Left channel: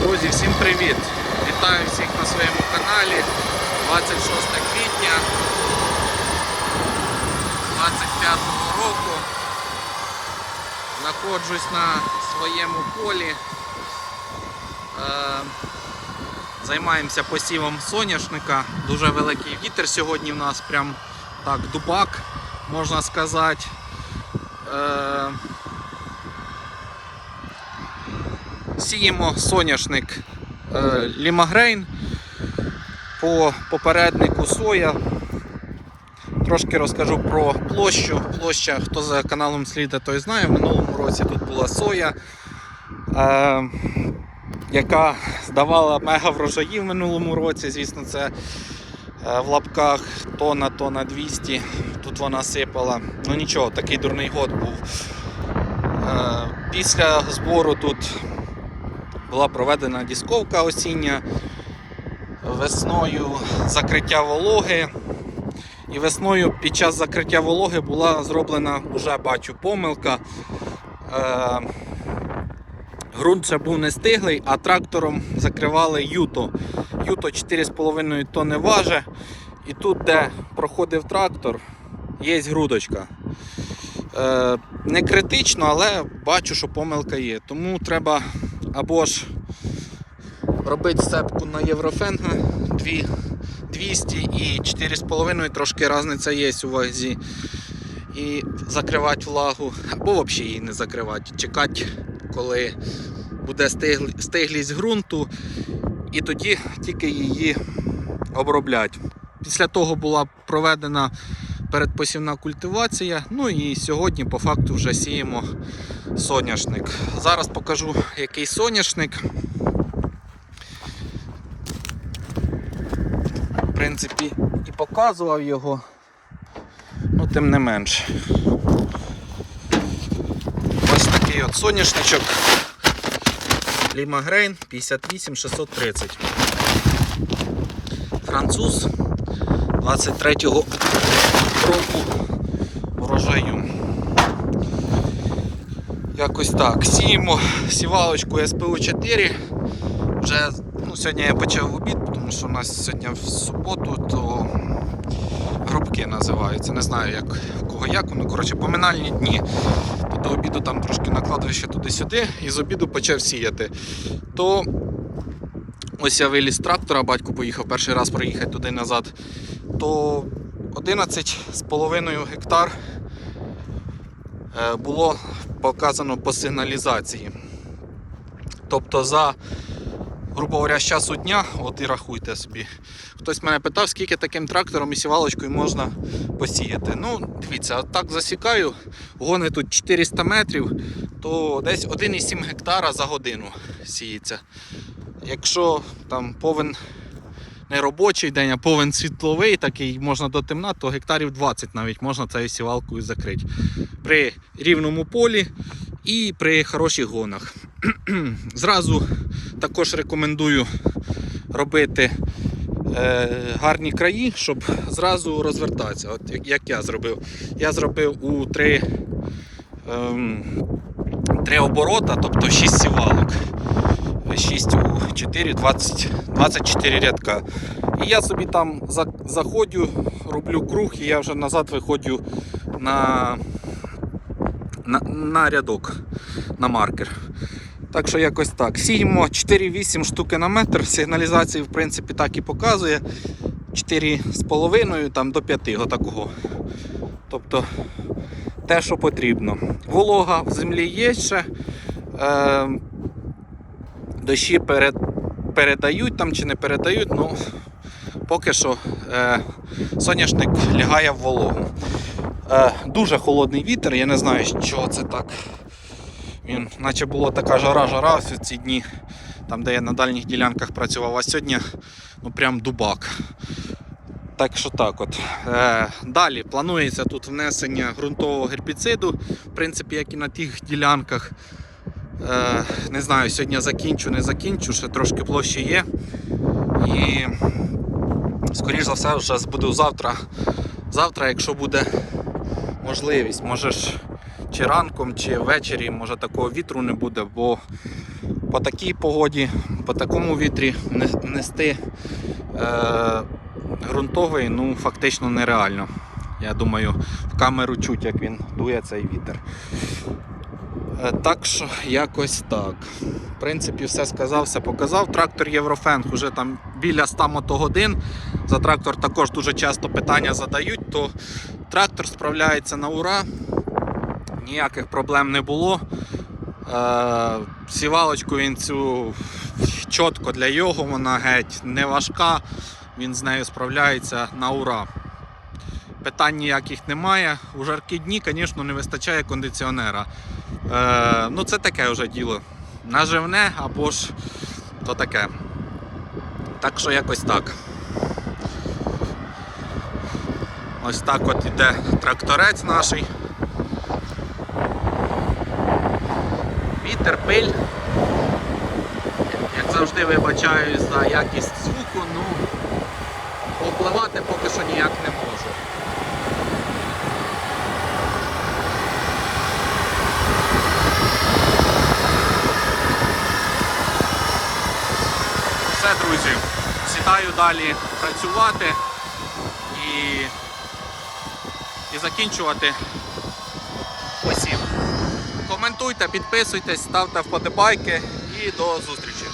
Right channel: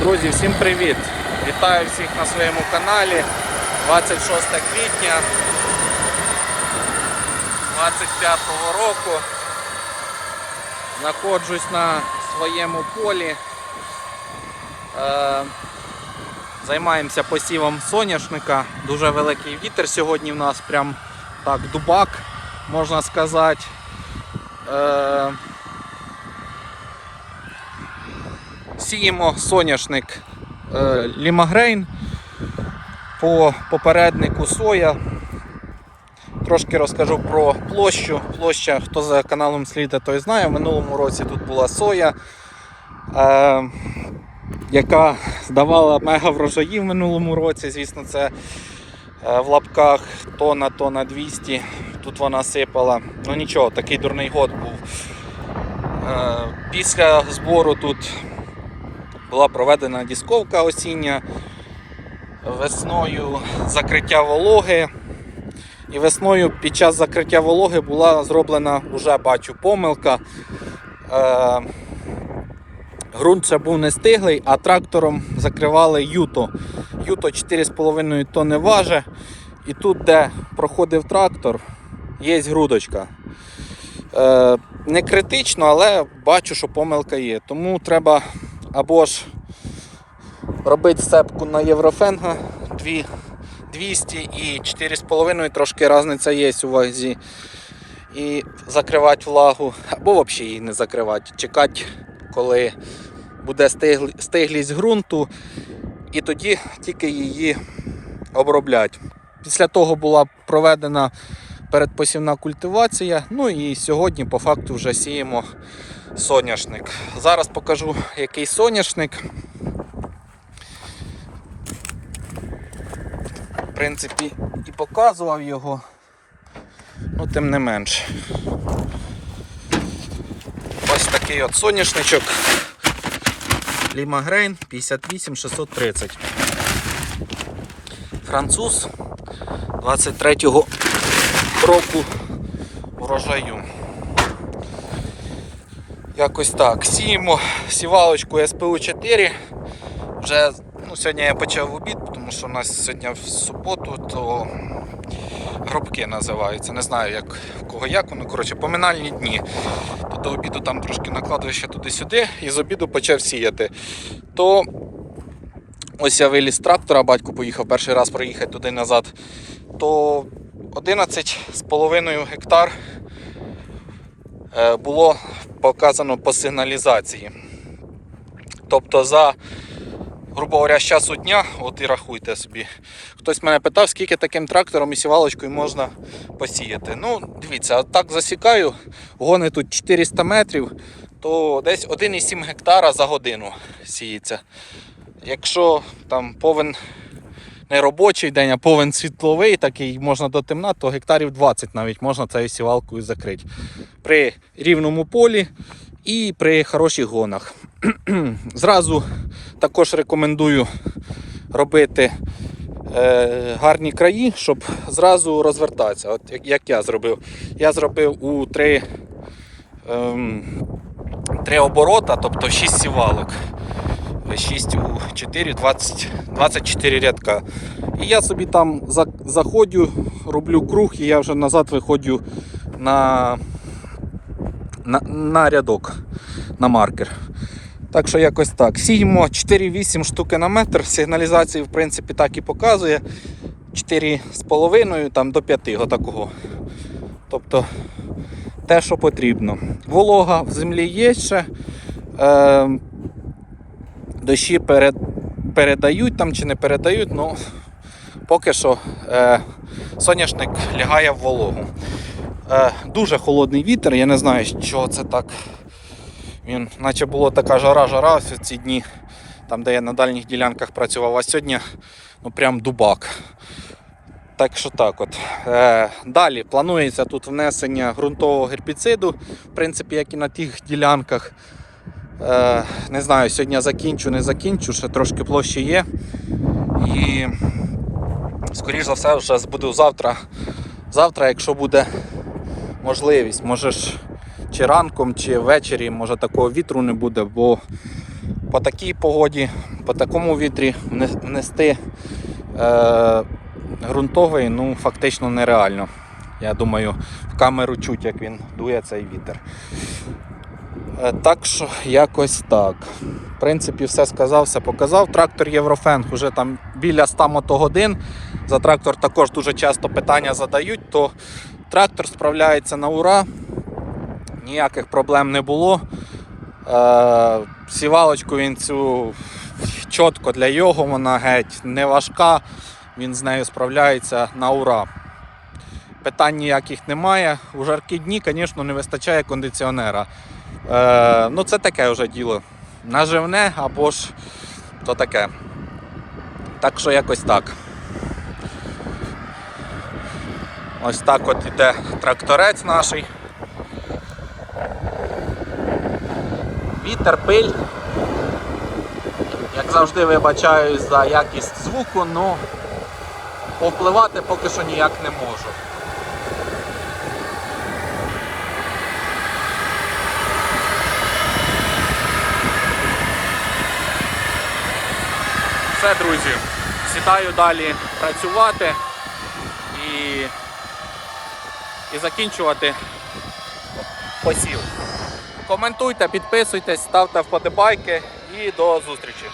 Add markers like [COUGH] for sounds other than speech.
Друзі, всім привіт! Вітаю всіх на своєму каналі. 26 квітня 25-го року. Знаходжусь на своєму полі. Е, Займаємося посівом соняшника. Дуже великий вітер сьогодні в нас прям так дубак, можна сказати. Е, Сіємо соняшник е, Лімагрейн по попереднику соя. Трошки розкажу про площу. Площа, хто за каналом сліда, той знає. В минулому році тут була соя, е, яка здавала мега врожаї в минулому році. Звісно, це е, в лапках тонна, тонна 200. Тут вона сипала. Ну нічого, такий дурний год був. Е, після збору тут була проведена дісковка осіння, весною закриття вологи. І весною під час закриття вологи була зроблена, вже бачу, помилка. Е, Грунт ще був не стиглий, а трактором закривали юто. Юто 4,5 тонни важить. І тут, де проходив трактор, є грудочка. Е, не критично, але бачу, що помилка є. Тому треба або ж робити сцепку на Єврофенга 200 і 4,5 трошки різниця є у вазі. І закривати влагу, або взагалі її не закривати. Чекати, коли буде стиглість ґрунту, і тоді тільки її обробляти. Після того була проведена передпосівна культивація. Ну і сьогодні по факту вже сіємо соняшник. Зараз покажу, який соняшник. В принципі, і показував його, ну тим не менш. Ось такий от соняшничок. Лімагрейн 58630. Француз 23-го року врожаю. Якось так. Сіємо сівалочку СПУ 4. Вже ну, сьогодні я почав обід, тому що у нас сьогодні в суботу, то гробки називаються. Не знаю як в кого як воно. Коротше, поминальні дні. То до обіду там трошки накладую ще туди-сюди і з обіду почав сіяти. То ось я виліз з трактора, батько поїхав перший раз проїхати туди назад. То 11,5 гектар е, було показано по сигналізації. Тобто за, грубо говоря, з часу дня, от і рахуйте собі. Хтось мене питав, скільки таким трактором і сівалочкою можна посіяти. Ну, дивіться, от так засікаю, гони тут 400 метрів, то десь 1,7 гектара за годину сіється. Якщо там повен не робочий день, а повен світловий, такий можна до темна, то гектарів 20 навіть можна цією сівалкою закрити. При рівному полі і при хороших гонах. [CLEARS THROAT] Зразу також рекомендую робити е, гарні краї, щоб зразу розвертатися. От як, як я зробив. Я зробив у три, ем, три оборота, тобто 6 сівалок. 6 у 4, 20, 24 рядка. І я собі там заходжу, роблю круг і я вже назад виходжу на, на, на рядок, на маркер. Так що якось так. Сіємо 4-8 штуки на метр. Сигналізацію в принципі так і показує. 4,5 там, до 5 отакого. Тобто те, що потрібно. Волога в землі є ще. Е, дощі перед, передають там чи не передають, ну поки що е, соняшник лягає в вологу. Е, дуже холодний вітер, я не знаю, що це так. Він, наче була така жара-жара ось ці дні, там де я на дальніх ділянках працював, а сьогодні ну прям дубак. Так що так от. Е, далі планується тут внесення ґрунтового гербіциду, в принципі, як і на тих ділянках. Е, не знаю, сьогодні закінчу, не закінчу, ще трошки площі є. І скоріш за все вже буду завтра. Завтра, якщо буде можливість, може чи ранком, чи ввечері, може такого вітру не буде, бо по такій погоді, по такому вітрі не- нести е, ґрунтовий ну, фактично нереально. Я думаю, в камеру чуть, як він дує цей вітер. Е, Так що якось так. В принципі, все сказав, все показав. Трактор Єврофенг вже там біля 100 мотогодин. За трактор також дуже часто питання задають, то трактор справляється на ура. Ніяких проблем не було. Е, сівалочку він цю чітко для його, вона геть не важка. Він з нею справляється на ура. Питань ніяких немає. У жаркі дні, звісно, не вистачає кондиціонера. Е, ну, це таке вже діло. Наживне або ж то таке. Так що якось так. Ось так от іде тракторець наш. Вітер, пиль. Як завжди вибачаюсь за якість звуку, ну попливати поки що ніяк не можу. Друзі, сідаю далі працювати і, і закінчувати посів. Коментуйте, підписуйтесь, ставте вподобайки і до зустрічі.